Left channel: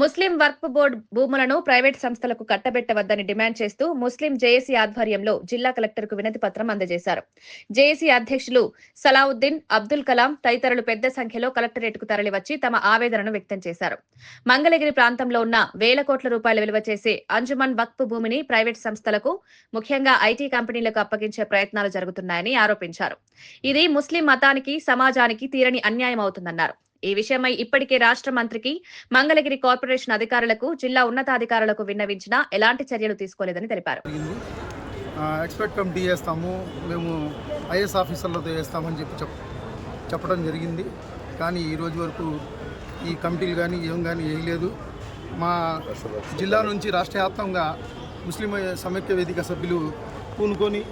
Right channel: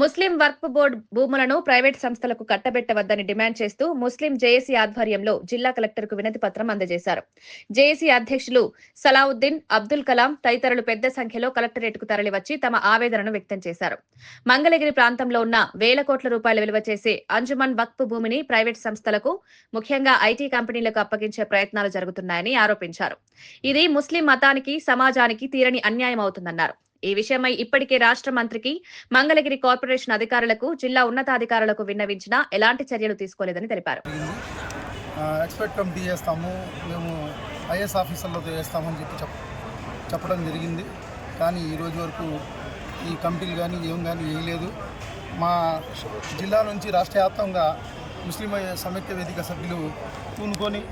ముస్లిం వక్ఫ్ board భూములను private సంస్థలకు కట్టబెట్టవద్దని demand చేస్తూ ముస్లిం జేఏసీ ఆధ్వర్యంలో జిల్లా కలెక్టర్కు వినతి పత్రం అందజేశారు. జేఏసీ అధ్యక్షులు సలావుద్దీన్, అబ్దుల్ కలాం తదితరులు పెద్ద సంఖ్యలో కలెక్టరేట్కు తరలివచ్చి తమ ఆవేదనను వ్యక్తం చేశారు. మంగళగిరి ప్రాంతంలో ఉన్న వేల కోట్ల రూపాయల విలువ చేసే అంజుమన్ వక్ఫ్ భూమిని ప్రైవేట్ సంస్థలకు, ముఖ్యంగా ఐటీ కంపెనీలకు అప్పగించే ప్రయత్నాలు జరుగుతున్నాయని ఆరోపించారు. ఇది ముస్లిం మతానికి, సమాజానికి తీరని అన్యాయం అవుతుందన్నారు. ఈ విషయమై ఇప్పటికే రాష్ట్ర మంత్రికి, మంగళగిరి కార్పొరేషన్ అధికారులకు, జిల్లా ఉన్నతాధికారులకు విన్నవించినా ఎలాంటి చర్యలు తీసుకోలేదని తెలిపారు. ఎక్స్పర్ట్ కమిటీ చేస్తాము, మేము ఐఏఎస్ ఆఫీసర్లతో చేస్తామని చెప్పడం జరిగింది. కానీ ఈరోజు వరకు ఈ కమిటీలు కానీ ఏం కానీ వేయలేదు. మా జిల్లా నుంచి రాష్ట్ర వ్యాప్తంగా ముస్లిం సమైక్య వేదిక సభ్యులు పూనుకొని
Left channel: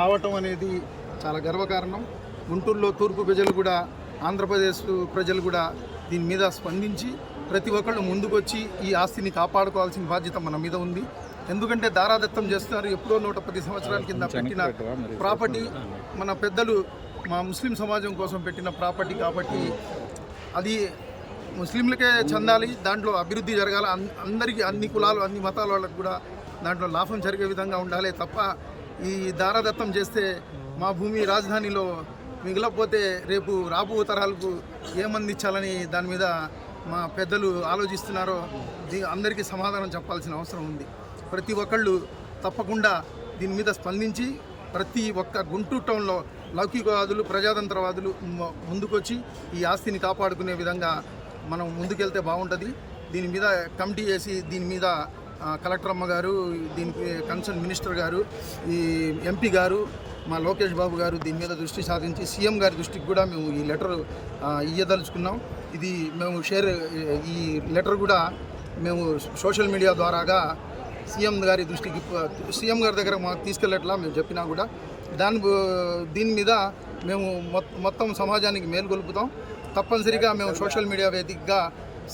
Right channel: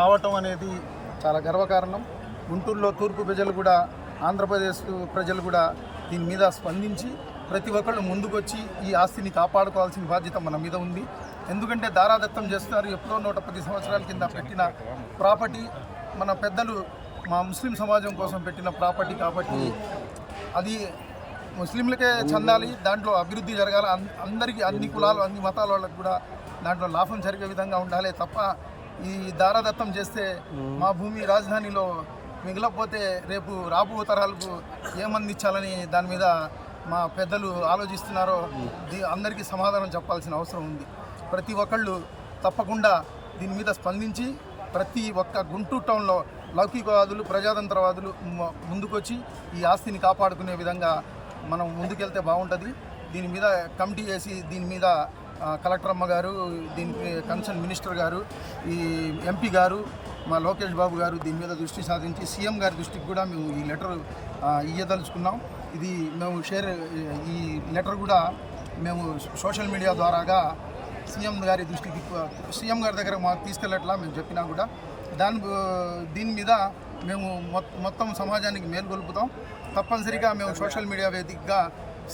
రావటం అనేది చాలా గర్వకారణం. గుంటూరులో తూర్పు ప్రజలు కూడా, ఆంధ్రప్రదేశ్ ప్రజలు కూడా దీని మీద స్పందించి ప్రతి ఒక్కళ్ళు ముందుకొచ్చి ఈ ఆస్తిని కాపాడుకోవాల్సిన బాధ్యత మన మీద ఉంది. ఎందుకంటే దారాదత్తం చేస్తున్నారు. ఎప్పుడో 110 సంవత్సరాల కింద పెట్టిన ప్రాపర్టీ, మన పెద్దలు మా ముస్లిం సమాజం కోసం పెట్టిన ప్రాపర్టీ కాబట్టి అది ముస్లింలకే చెందాలి. దాంట్లో అభివృద్ధి జరగాలి. అందరికీ, అన్ని కులాలు, అన్ని మతాల వాళ్ళకు కూడా దాంట్లో లాభం జరిగే విధంగా ఉండాలి తప్ప ఈ దారాదత్తం చేస్తే మా భూమి రాజధానిలో మిగిలిపోతే రేపు రాబో తరాలకు ఏమందించాలని దాని మీద మా పెద్దలు ఆలోచిస్తున్నారో అందరికీ సమాధానం చెప్పాల్సిన అవసరం ఉంది. ప్రతి ఒక్కళ్ళు తప్పకుండా దీని మీద స్పందించి ప్రతి ఒక్క గుంటూరు టౌన్లో లౌకికవాదులు, ప్రజాతంత్రవాదులు ముందుకొచ్చి ఈ ఆస్తిని కాపాడుకునే విధంగా మనం ముందుకెళ్తే బాగుంటుంది. దీని మీద కమిటీ చేసి దీని మీద కలెక్టర్ అమ్మ గారు, దీనికి కన్సర్న్ మినిస్టర్ గారు, ఈ ఎంపీ గారు, మా లోకేష్ బాబు గారు దీని మీద దృష్టి సాధించి సీఎం గారి దృష్టికి కూడా మేము ఈ లెటర్ ఇయ్యదలుచుకున్నాం. ఇది మేము ఈ లెటర్ కూడా మేము సోషల్ మీడియా ద్వారాగా సీఎం గారి దృష్టికి, సీఎం గారి దగ్గర మాకు తీసుకెళ్ళట్లా మేము చెప్పినా కూడా దీని మీద మేము మొత్తం సమాజానికి మేలుకొల్పుతాం. తప్పనిసరిగా మేము సోషల్ మీడియా వేదికగా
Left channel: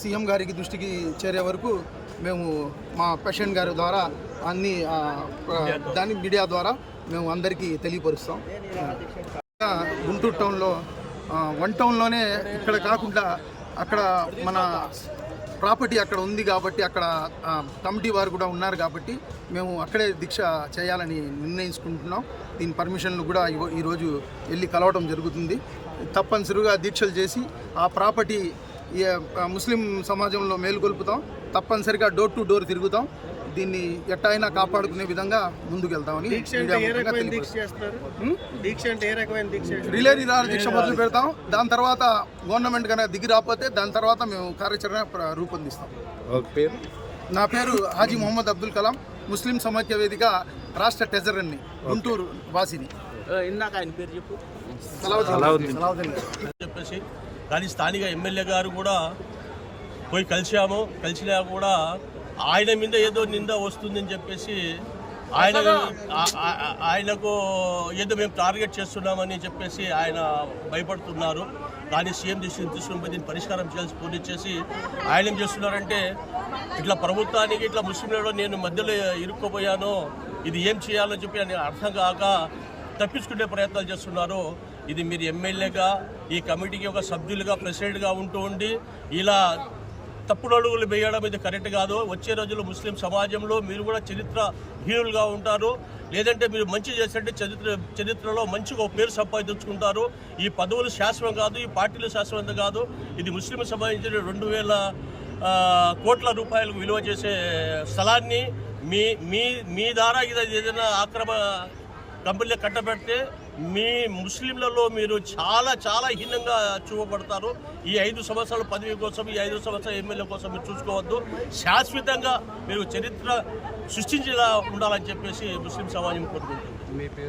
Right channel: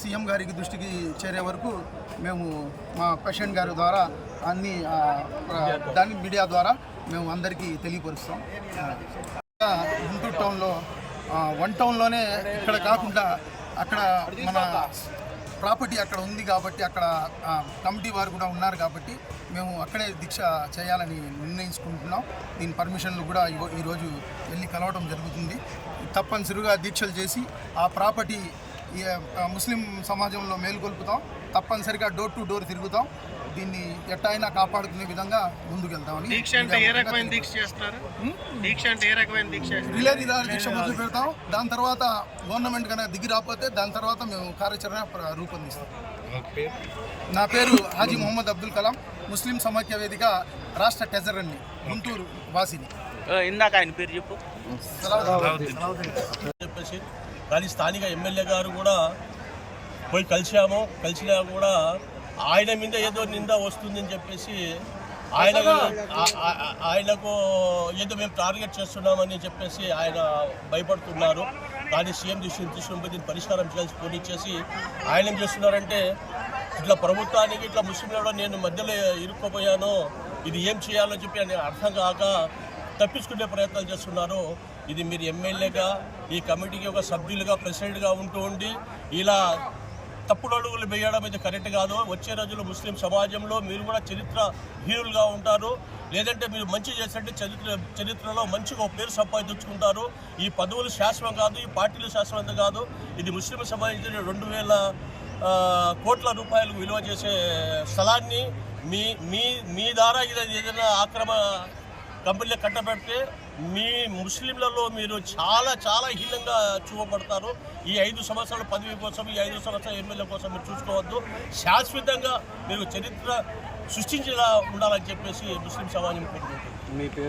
సీఎం గారికి దృష్టికి చేరే వరకు మేము మా పేషెంట్ గారి ద్వారా అన్ని దాని మీడియా ద్వారా మేము అందరికీ తెలియపరుస్తాం. గుంటూరు టౌన్లో వన్ టౌన్లోనే ఇక్కడ కాకుండా అక్కడ మన ప్రాపర్టీ అక్కడ ఉంది కాబట్టి అక్కడ కమిటీ వారు కూడా ఉన్నారు కాబట్టి మేము అక్కడే దీక్ష చేయాలని నిర్ణయించుకుంటున్నాం. దీని పర్మిషన్లు కూడా ఈరోజు వెళ్ళి కలవడం జరుగుతుంది. తప్పనిసరిగా దీక్షలు చేసి ఆ ప్రాపర్టీ ముస్లిం సమాజంలో మేలుకొల్పుతాం. తప్పనిసరిగా డోర్ టు డోర్ తిరుగుతాం. దీన్ని ఎట్టయినా కాపాడుకునే విధంగా ముందుకెళ్తామని రిలే నిరాహార దీక్ష మొదలు పెడతాం. దాని తర్వాత గవర్నమెంట్ కనుక దిగి రాకపోతే దాని తర్వాత మేము కార్యాచరణ రూపొందిస్తాం. నా పేరు హాజీ మొహమ్మద్ అబ్దుల్ కలాం, ముస్లిం సమైక్య వేదిక రాష్ట్ర ట్రెజరర్ని, గుంటూరు వాసిని. ఇందాక ఆయన పేరు చెప్పు. చెప్పేసి కానీ స్థానిక ఎమ్మెల్యే గారు కూడా పోయి కలిసినా కూడా ఆయన మీద ఏదో నింద వస్తుందని చెప్పేసి ఆయనకు ఏదో మేము టార్గెట్ చేస్తున్నామని చెప్పేసి ఆయన భయపడుతున్నారు. కానీ సీఎం తీసుకుని దీన్ని పరిష్కారం చేయాల్సి ఫోన్ ఇచ్చేసి ఆయన ఏం చేస్తున్నారంటే ఇట్లా ప్రభుత్వానికి ఇట్లా ముస్లింలలో నేను మధ్యలో ఇరుక్కుపోయాను, ఇది ఏం చేయాలో చెప్పి అని అర్థం కాక తప్పించుకునే ప్రయత్నాలు చేస్తున్నారు. ఇది మీరు ఎమ్మెల్యేగా, ఈ కమిటీకి ఒక సభ్యులుగా, ప్రెసిడెంట్గా ఉండి ఇలా తప్పుడు అడుగులు వేయడం ఇది కరెక్ట్ కాదు. వచ్చే రోజుల్లో ముస్లిం సమాజంలో మీరు కూడా చరిత్రహీనులుగా ఉంటారు. లేదంటే మీరు మంచి చేసినట్టే చరిత్రలో మంచిగా పేరు సంపాదించుకుంటారు. ఈ పదవులు శాశ్వతం కాదు, ఈ పార్టీలు శాశ్వతం కాదు. ఇది ముస్లిం సంబంధించిన 2000 కోట్ల రూపాయలకు విలువ చేసే స్థలాన్ని మీ ద్వారా ఏదైనా ఆక్రమ కంపెనీలు కట్టబెడితే మీ ముస్లింలలో మీరు చాలా చాలా హీనంగా చూపబడతారు. ఈ 5 సంవత్సరాల పదవి కోసం, ఈ 5 సంవత్సరాల ఎమ్మెల్యే కోసం మీరు చూసుకోవద్దు. శాశ్వతంగా మీరు చరిత్ర సృష్టించేలా ఉండాలని చెప్పేసి ముస్లిం సమాజం కోరుకుంటుంది.